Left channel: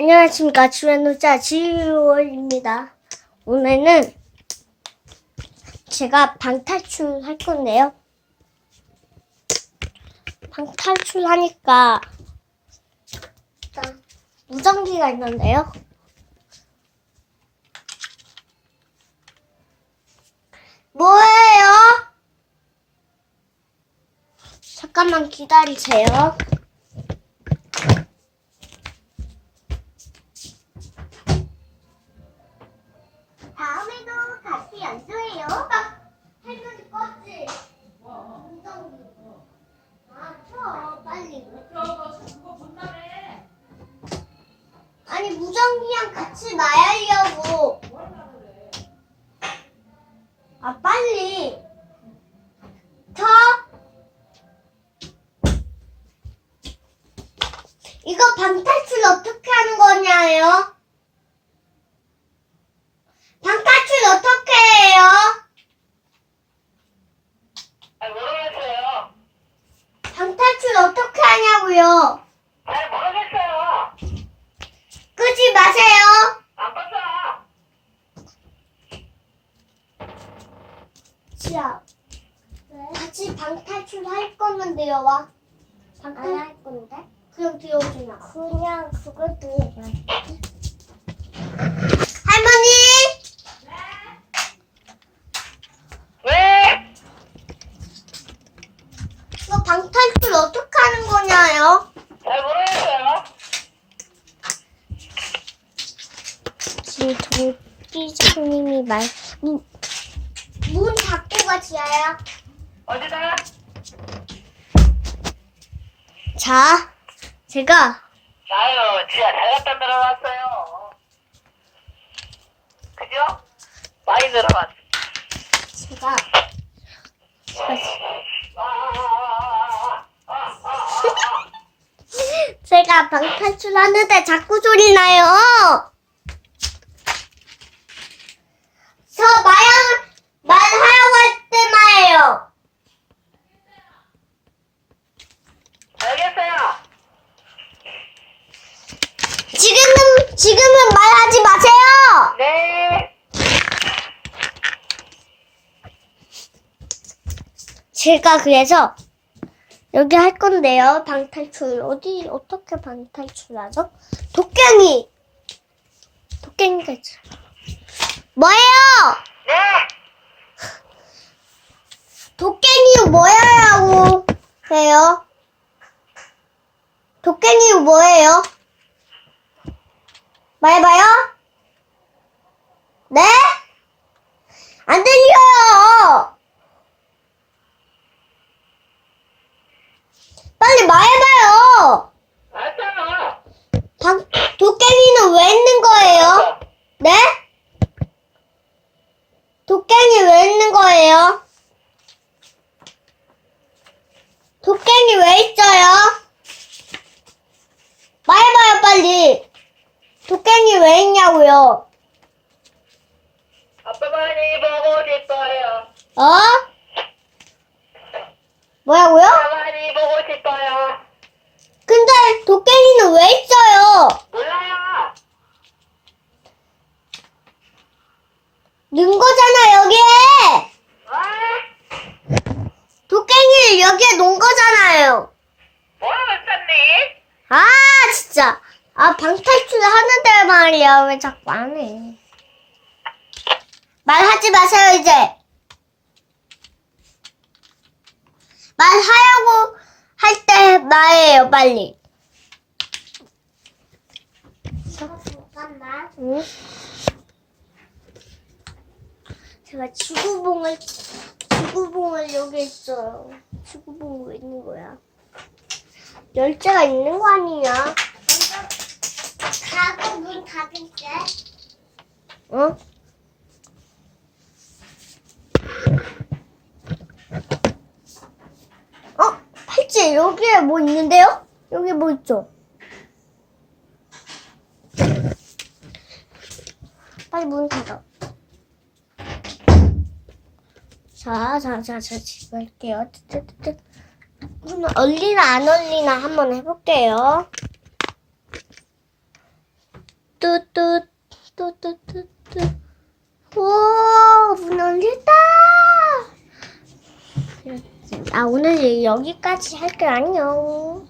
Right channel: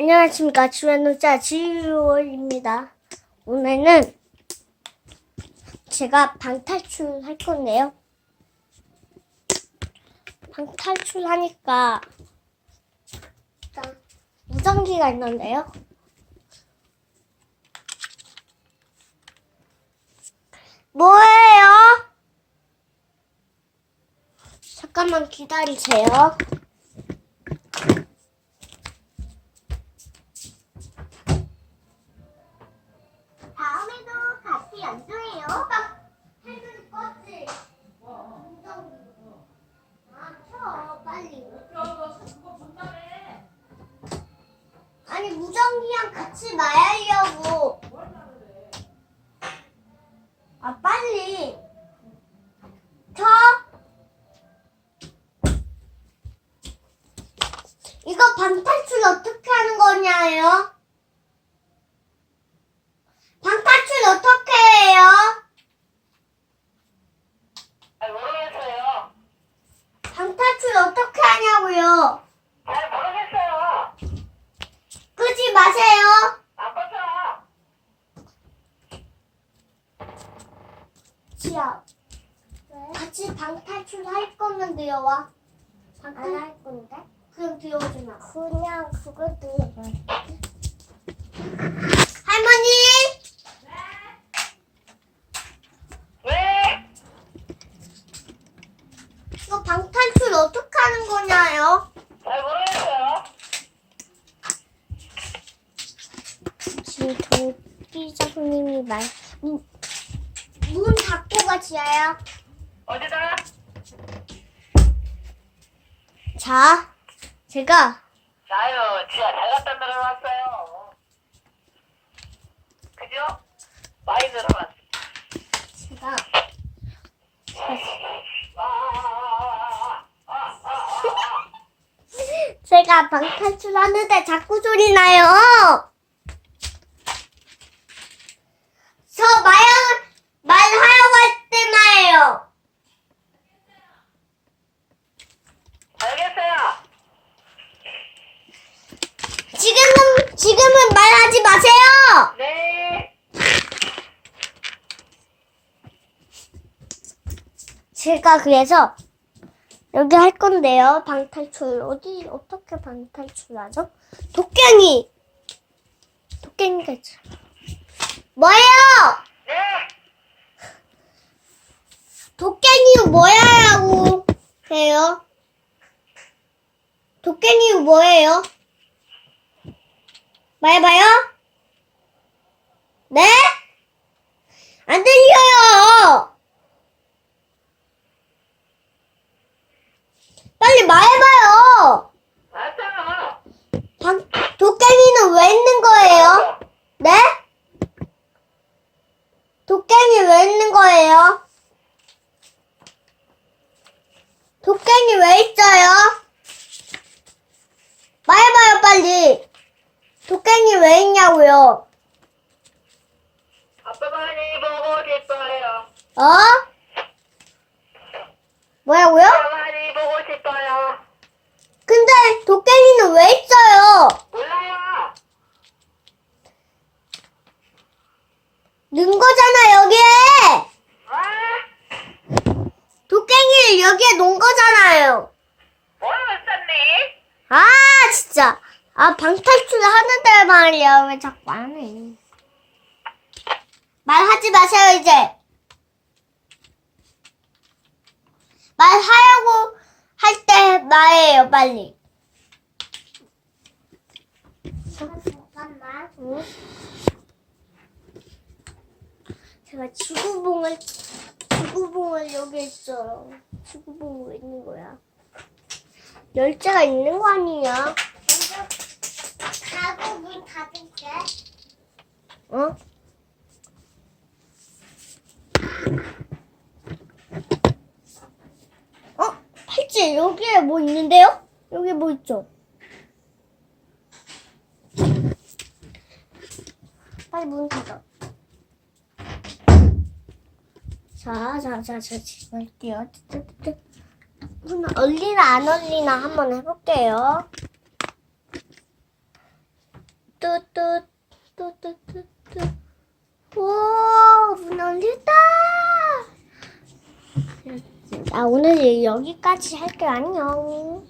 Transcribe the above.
안녕하십니까. 주연노자 지유월입니다. 오늘은 제가 방탈출 할 건데요. 방탈출 하니까 일단 무전기가 있는데요. 뭐예요? 잠깐만 기다리세요. 껐지? 무전기. 아, 켜, 빨리. 무전기랑 같이 마야려고. 아, 빨리. 켜. 이거 방탈출 어떻게 하는 거냐요? 방탈출 어떻게 해요? 잘 모르겠어요. 방탈출 어떻게 하냐고요? 잘 모르겠어요. 끄지 마세요. 안 껐어요. 지야. 같이 방 탈출 할 건데요, 와. 방탈 할 건데? 그냥 들어오지 마. 그냥 그걸 들어봐. 할머니! 왜? 이거 방탈출 어떻게 하는 거냐요? 잘 모르겠어요. 지금 동기장님이 말, 문, 문 닫고 가, 지아야. 어디다? 자, 제가 나요. 지하 잘 갖다 들어왔어요. 그죠? 많이 들어왔어. 제가 제가 방탈출 하는데 자꾸 소리 나요. 저 마야 말하라고 할 때만요. 알겠어요. 지금은 지금은 말하지 마세요. 네. 제가 그래서 여기 할 건데요. 방탈출 어디 어떻게 방탈출하죠? 도깨비 도깨비가 있죠. 뭐예요? 네. 도깨비 뭐야라고 해요? 도깨비 뭐예요? 말해봐요. 네? 안 들려요. 빨리 말해봐요. 알았어요. 방, 도깨비는 왜 있는 거예요? 네? 도깨비 왜 있는 거예요? 도깨비 왜 있어요? 말해봐요, 빨리. 도깨비 왜 있냐고요? 아빠 많이 보고 싶어요. 어? 뭐라고요? 아빠 많이 보고 싶어요. 근데 도깨비는 왜 있어요? 몰라요. 넣은 거잖아, 여기에! 어? 여기에 놓은 거잖아요. 모르겠었니? 아, 진짜. 아, 방탈출 하는데 말이야. 왜 자꾸 안 해? 말하지 마세요, 이제. 말하려고 할 때 말해요, 빨리. 잠깐만. 응? 제가 지구봉을, 지구봉을 여기 있어요. 지구봉 왜 있는 거야? 열쇠가 있는 거 아니야? 가구 문 닫을게. 어? 어? 팔찌 여기에 뭐 있는데요? 여기 뭐 있죠? 빨리 문 닫아. 자, 자, 자, 자, 지금 할게요. 뜨뜨뜨. 음, 얼리나 안 얼리나 한번 해볼게요. 뚜뚜, 뚜뚜뚜뚜. 오, 문 열린다! 아, 오늘 여기까지 할게요. 안녕.